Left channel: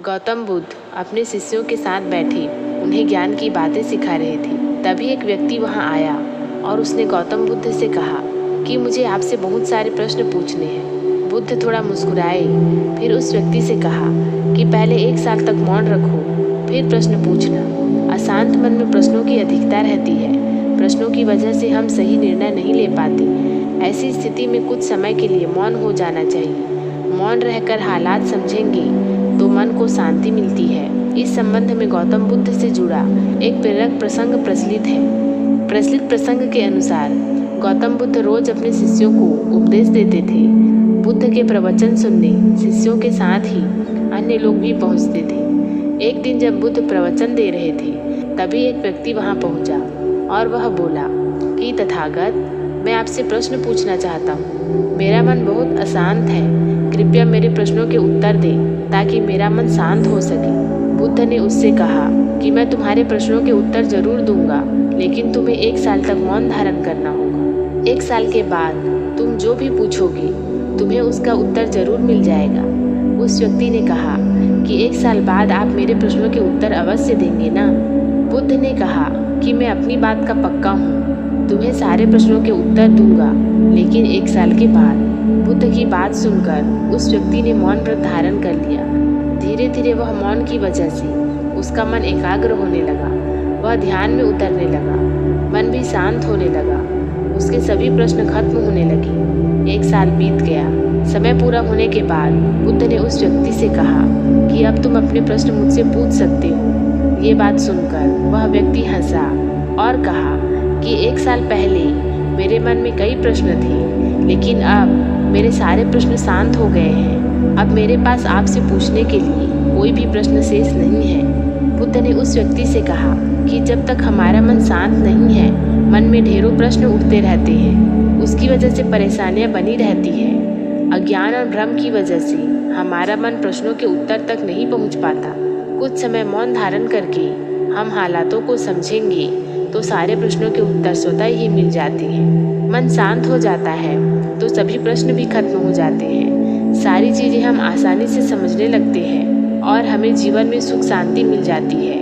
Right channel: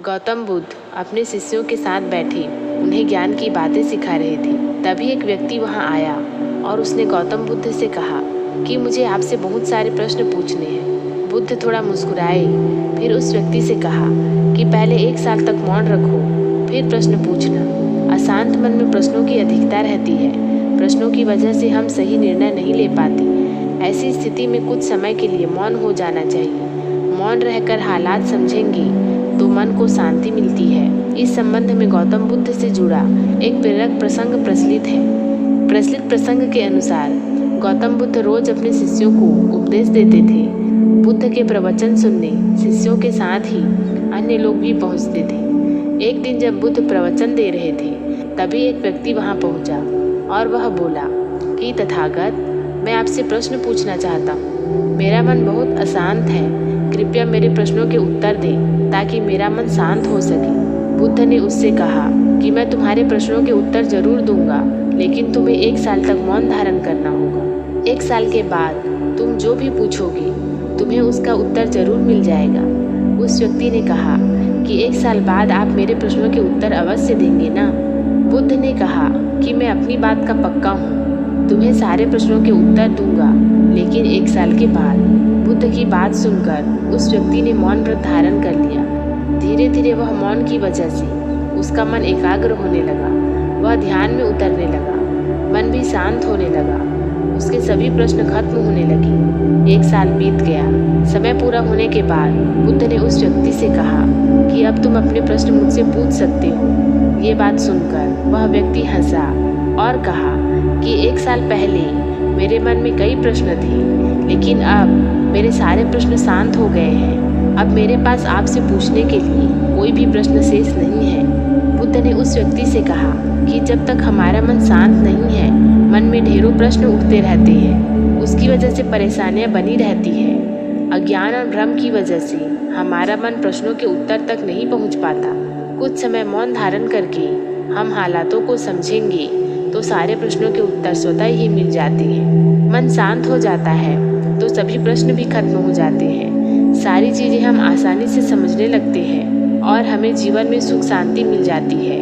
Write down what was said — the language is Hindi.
गौतम बुद्ध अपने शिष्यों के साथ बैठे उन्हें ज्ञान की बातें सिखा रहे थे। तभी एक व्यक्ति वहां आया और उसने गौतम बुद्ध से कहा कि मुझे आपसे बहुत सारे प्रश्न पूछने हैं। बुद्ध थोड़ा मुस्कुराए, फिर उस व्यक्ति से कहा कि पहले 1 साल तक मौन रखो, फिर प्रश्न पूछना। अशांत मन में प्रश्नों की अधिकता रहती है। प्रश्नों की वजह से हम सही निर्णय नहीं ले पाते। ऐसी स्थिति में कुछ समय के लिए मौन हो जाना चाहिए। मौन रहकर हालात समझेंगे तो मन को शांति मिलती है। इस संबंध में गौतम बुद्ध से जुड़ा एक प्रेरक प्रसंग प्रचलित है। प्रचलित प्रसंग के अनुसार गौतम बुद्ध रोज अपने शिष्यों को उपदेश देते थे। बुद्ध के प्रवचन सुनने शिष्यों के साथ ही अन्य लोग भी पहुंचते थे। एक दिन जब बुद्ध प्रवचन दे रहे थे, तभी एक व्यक्ति वहां पहुंचा और वह बोला कि तथागत, मैं आपसे प्रश्न पूछना चाहता हूँ। मेरा मन बहुत अशांत है, कृपया मेरे प्रश्नों के उत्तर दें ताकि मेरा मन शांत हो सके। बुद्ध ने उससे कहा कि मैं तुम्हारे प्रश्नों के उत्तर जरूर दूंगा, लेकिन तुम्हें 1 साल तक मौन धारण करना होगा। 1 साल के बाद तुम जो भी पूछोगे तुम्हें उसका उत्तर जरूर मिल जाएगा। उस व्यक्ति ने कहा कि 1 साल बाद आप मेरे प्रश्नों के उत्तर अवश्य देंगे ना? बुद्ध ने कहा कि मैं अपनी बात का पक्का हूँ, तुम्हें सारे प्रश्नों के उत्तर दूंगा, लेकिन 1 साल के बाद। बुद्ध की बात सुनकर उस व्यक्ति ने मौन व्रत धारण कर लिया। धीरे धीरे वह मौन की वजह से उसका मन एकाग्र होने लगा। वह ध्यान में उतरने लगा, मन भी शांत होने लगा। उसके सभी प्रश्न खत्म होने लगे। 1 साल बीत गया। समय पूरा होने के बाद बुद्ध ने उस व्यक्ति से कहा कि अब तुम अपने प्रश्न मुझसे पूछ सकते हो। ये बात सुनकर वह व्यक्ति हंसा और कहा कि 1 साल पहले मेरे मन में कई प्रश्न थे, लेकिन अब मेरे सारे प्रश्न शांत हो गए हैं। अब मेरे पास आपसे पूछने के लिए कोई भी प्रश्न शेष नहीं है। बुद्ध ने उस व्यक्ति से कहा कि जब तक हमारा मन शांत नहीं है, मन में ढेरों प्रश्न उठते रहते हैं। उसकी वजह से परेशानियां बनी रहती है। अज्ञान और भ्रम की वजह से हमारा मन प्रश्नों के उत्तर तक नहीं पहुंच पाता। कुछ समय मौन धारण करके हम हालातों को समझेंगे तो सारे प्रश्नों के उत्तर स्वतः ही मिल जाते हैं। मन शांत हो जाता है तो सभी प्रश्न भी खत्म हो जाते हैं। सारी चीज़ें हम आसानी से समझने लगते हैं और हमें जीवन में सुख शांति मिल जाती है।